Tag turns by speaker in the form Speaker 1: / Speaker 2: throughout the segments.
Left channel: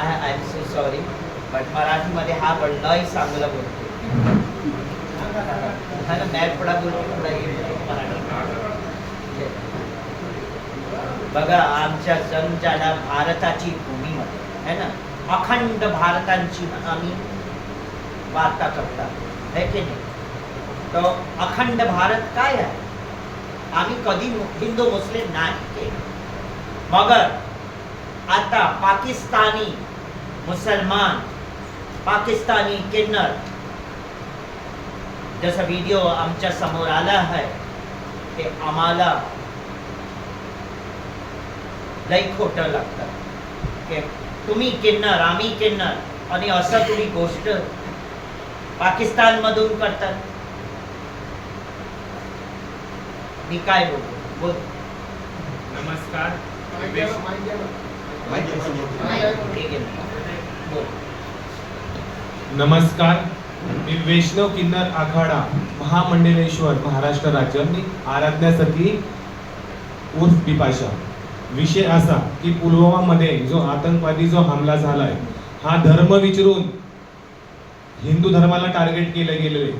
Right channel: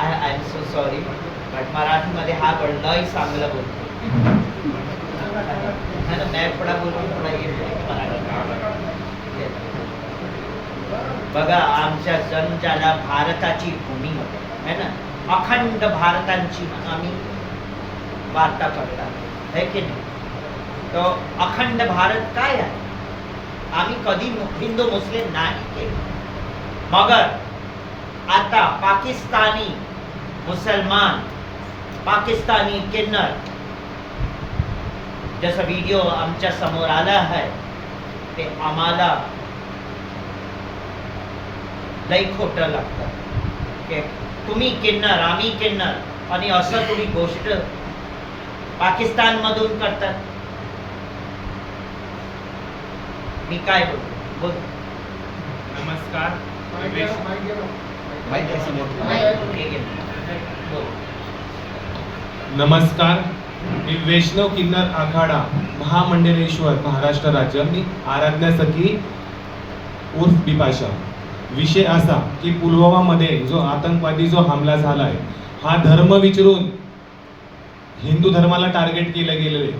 Speaker 1: I I am so sorry but मराठीमध्ये हा बळ लय चांगला बोलतो. हा ना मॅप पुढा बोलतो पुढा की मराठी. बघा आमच्या जनजाला भारताची भूमी है ना? अखंड भारतांची आम्ही वार्ता करतात है की नाही? तो अखंड भारत काय आहे? आम्ही कधी हिंदू मुस्लिम नाही मगर आता पाकिस्तानी मुसलमान पाकिस्तानी किन्नर जसं व्हिडिओ आमच्यासमोर आला आहे ते आम्हाला लई खोटं लागतं. की तुम्ही किन्नर आम्ही किन्नर आणि असं तुम्ही गोष्ट पाकिस्तानमधून करतात? मी काय बोलतो बोल.
Speaker 2: नमस्कार. नमस्कार मी वैष्णव किन्नर आखाडा महामंडलेश्वर महाराष्ट्र राज्य. मी आराध्या सखी उर्फ बिपाशा विषय असा की पुलवामामध्ये जो आतंकवादी जो हमला झालाय हा धर्म विचारून हिंदू धर्माला टार्गेट केलं गेलेले.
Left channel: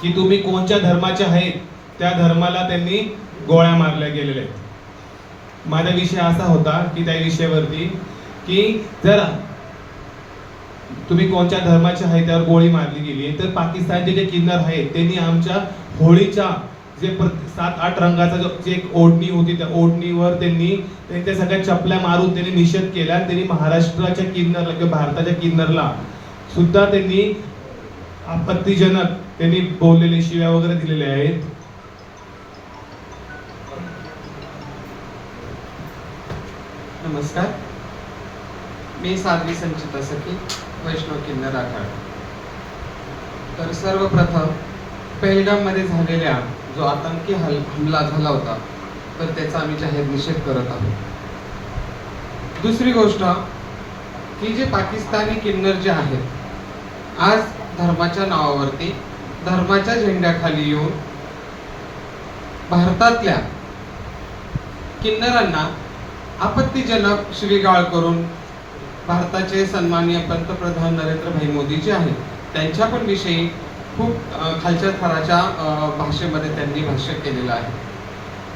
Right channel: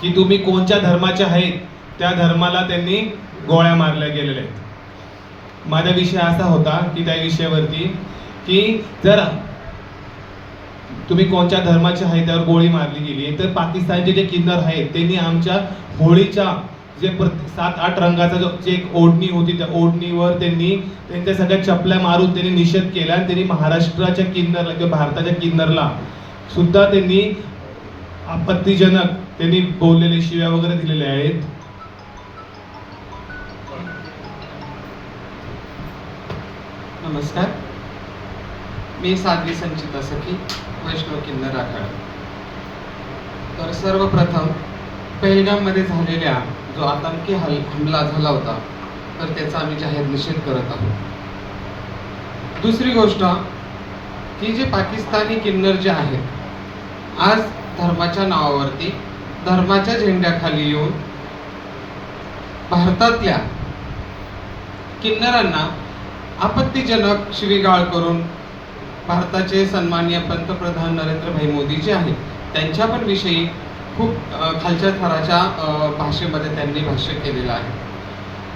Speaker 2: की तुम्ही कोणत्या धर्माचे आहेत त्या धर्माला त्यांनी गोळ्या मारल्या गेलेल्या आहेत. माझा विषय असा होता की त्या विषयावरती की जर तुम्ही कोणत्या धर्माच्या आहे त्यावर गोळी मारली गेली तर पाकिस्तानचे जे किन्नर आहेत त्यांनी आमच्या होळीच्या जे सात आठ रंगाचा जो जे एक ओढणी होती त्या ओढणीवर त्यांनी त्यांच्या सगळ्या चपल्या मारून त्यांनी निषेध केला आणि त्यांनी महाराष्ट्राच्या किन्नरला किंवा भारताच्या किन्नरला सुद्धा त्यांनी आपत्तीजनक त्यांनी बोललेले शिव्या वगैरे दिलेले आहेत.
Speaker 3: नमस्कार. मी साध्वी संचिता सखी वैष्णव किन्नर आखाड. तर सर्वप्रथम पेहलगाममध्ये झालेल्या जो आतंकी हल हमला झाला होता तर त्याचा आम्ही जाहीर निषेध करत आहोत. दुसरी गोष्ट की जे पाकिस्तानी किन्नर जे आहेत आज धर्माच्या नावावरती धर्माच्या झेंड्याखाली येऊन भारतातल्या किन्नरांना आपत्तीजनक शिवीगाळ करून भारताचे सन्माननीय पंतप्रधान नरेंद्रभाई मोदी जे आहेत. त्यांच्या पण विषयी खूप खालच्या थराच्या भाषेमध्ये त्यांनी भाष्य केलेलं आहे.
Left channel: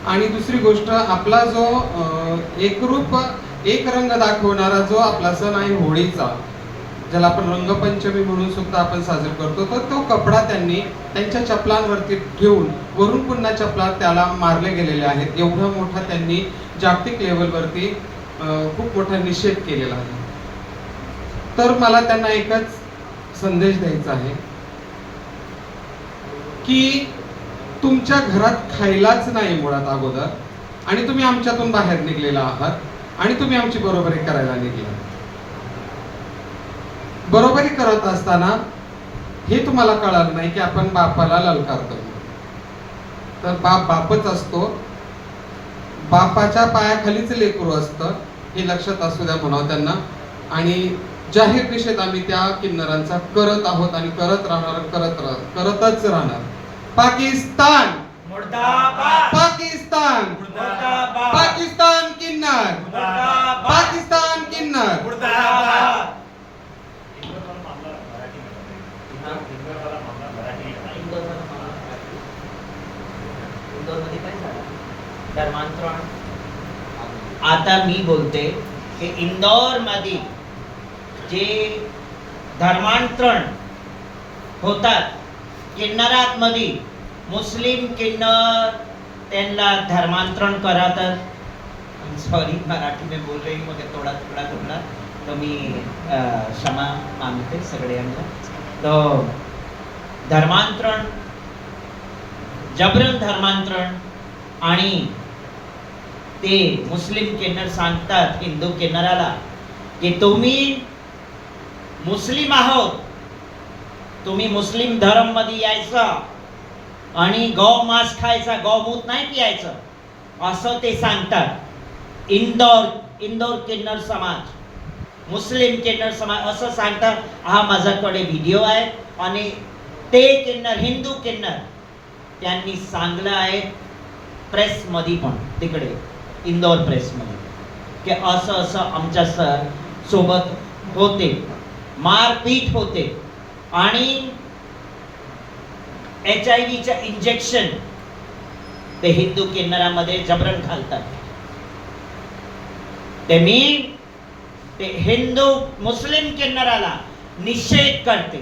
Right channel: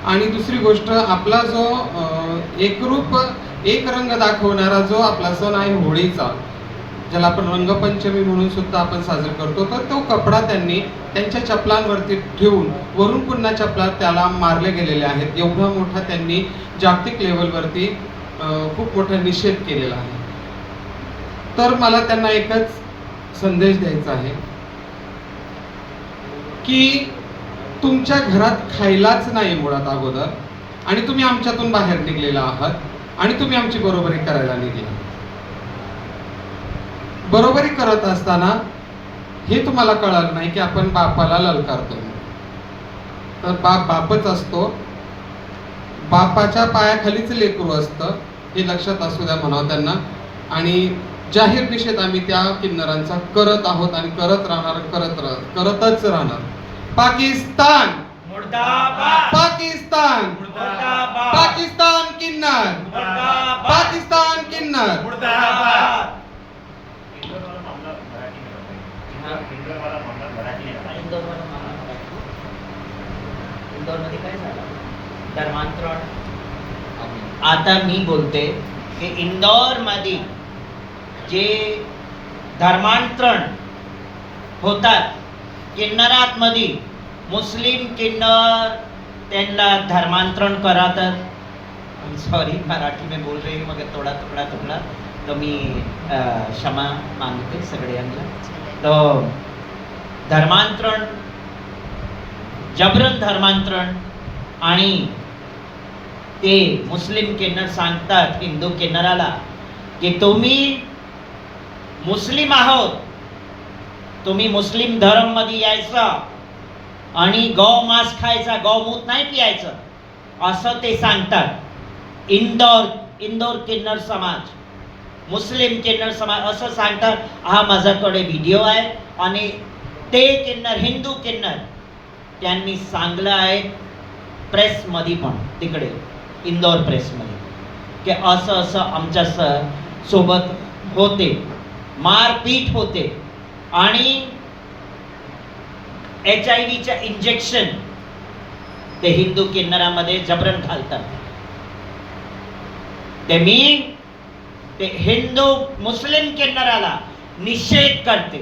Speaker 3: आणि दुसरी गोष्ट आपला जो एकरूप एक रंग दाखवणारा जो आपला सण आहे होळीचा ज्याला आपण रंगपंचमी म्हणून सुद्धा आपण साजरा करतो तर तो कपडा त्यांनी त्यांच्या चपलांवरती ठेवून वरून पुन्हा चपला त्याला मारले गेलेले आहेत. एवढा मोठा त्यांनी जागतिक लेवलवरती खूप मोठा निषेध केलेला आहे. तर मला त्यांना एकच संदेश द्यायचा आहे की तुमच्या घरात खायलाच नाही मुळात अगोदर आणि तुम्ही आमच्यातून बाहेर निघलेला आहात आणि तुम्ही आमची बरोबरी करायला निघले बरोबरी करत असताना हे तुम्हाला कळालं नाही की आपण बापाला ललकारतो तर बाप बापच असतो. बापाच्या पायाखालीच लेकरू असतं हे लक्षात असू द्या म्हणावं त्यांना. आणि जाहीर निषेध आम्ही त्या किन्नरांचा करत आहोत आणि करत राहणार करत करतच राहणार. पाकिस्तान! पाकिस्तान! पाकिस्तान किन्नर! पाकिस्तान किन्नर
Speaker 1: मुर्दाबाद इंदोरमध्ये काय झालं धर्मांतरण आता मी बोलते की इंदोरमध्ये जे धर्मांतरण होतात किन्नरात मध्ये मुस्लिम किन्नर त्यांना धर्मांतरण करातात. सॉरी मराठी में बोल रही हूँ मगर थोड़ा थोड़ा थोड़ा. तो मी क्षमा मागते सगळ्यांना. तो धर्मांतरण जबरन धर्मांतरण आणि ते मुस्लिम किन्नर सांगतात हिंदू किन्नराला की तुम्ही मुस्लिम आहोत. तुम्ही मुस्लिम धर्ममध्ये यायचं आणि गौ मांस खायचा गौमूत नाही पियायचं असं ते सांगतात. इंदोर इंदोर किन्नर समाज मुस्लिम किन्नर समाज असं सांगतात. हा माझ्याकडे व्हिडिओ आहे आणि ते किन्नर हिंदू किन्नर त्यांनी सांगलं आहे प्रेसमध्ये पण तिकडे. इंदोर प्रेसमध्ये की असं असं आमच्या सर सोबत होते मारपीट होते. आणि एच आय व्हीच्या इंजेक्शन ते हिंदू किन्नरामध्ये जबरन घालतात. ते मी ते हिंदू मुस्लिम किन्नराला निषेध करते.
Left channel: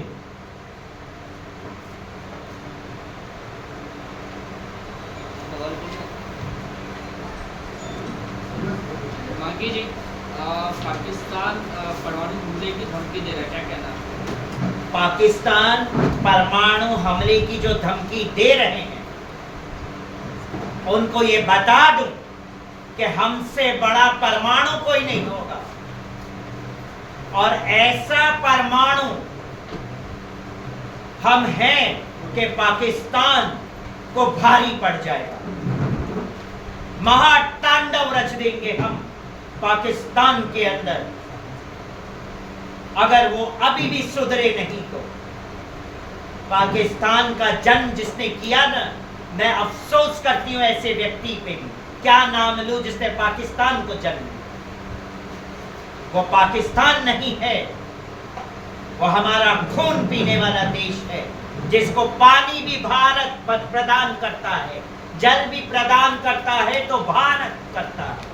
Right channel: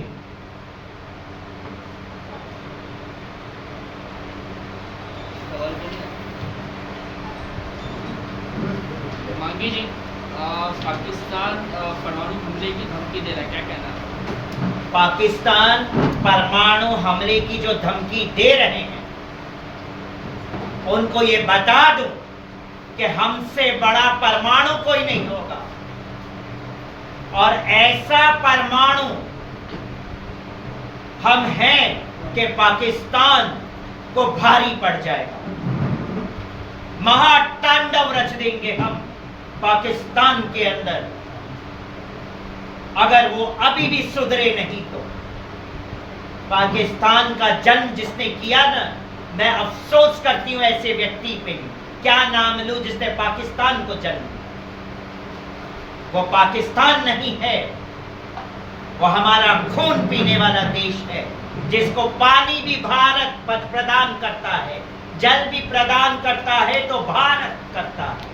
Speaker 4: मांगी जी अ, पाकिस्तान परमाणु हमले की धमकी दे रहा है क्या कहना
Speaker 1: पाकिस्तान परमाणु हमले की जो धमकी दे रहे हैं उनको ये बता दूँ कि हमसे बड़ा परमाणु कोई नहीं होगा। और ऐसा परमाणु हम हैं कि पाकिस्तान को भारी पड़ जाएगा। महातांडव रच देंगे हम। पाकिस्तान के अंदर, अगर वो अभी भी सुधरे नहीं तो। पाकिस्तान का जन्म जिसने किया ना, मैं अफसोस करती हूँ ऐसे व्यक्ति पे भी। क्या नाम लू जिसने पाकिस्तान को जन्म दिया? वो पाकिस्तान नहीं है। वो हमारा खून पीने वाला देश है, जिसको पानी भी भारत प्रदान करता है, जल भी प्रदान करता है तो भारत करता है।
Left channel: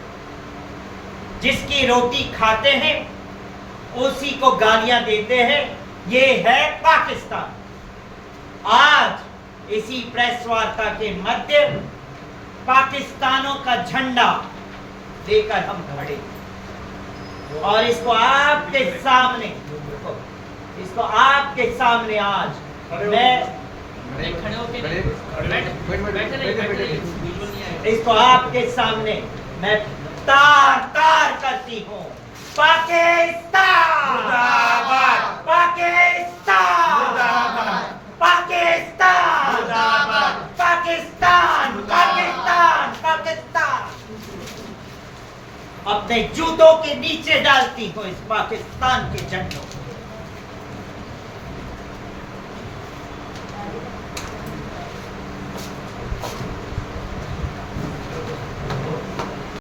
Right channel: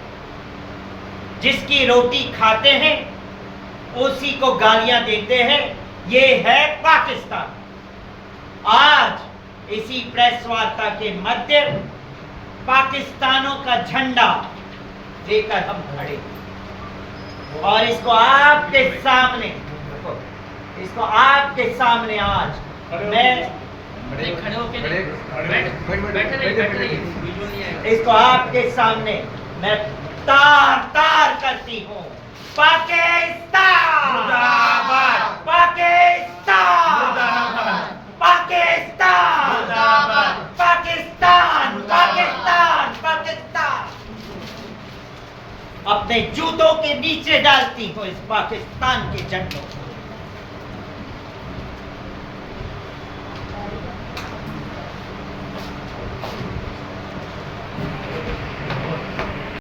Speaker 1: जिसकी रोटी खाते हैं उसी को गालियाँ देते हैं ये है पाकिस्तान आज इसी प्रेस वार्ता के मध्य पाकिस्तानों का झंडा लेकर हम खड़े और इसको आपके सामने इसको आपके सामने आज मैं। इसको आपके सामने मैं तार तार करती हूँ पाकिस्तान
Speaker 2: मुर्दाबाद।
Speaker 1: पाकिस्तान। पाकिस्तान। पाकिस्तान। पाकिस्तान पाकिस्तान अपने जूतों के नीचे डालती हूँ इस पाकिस्तान के झंडों को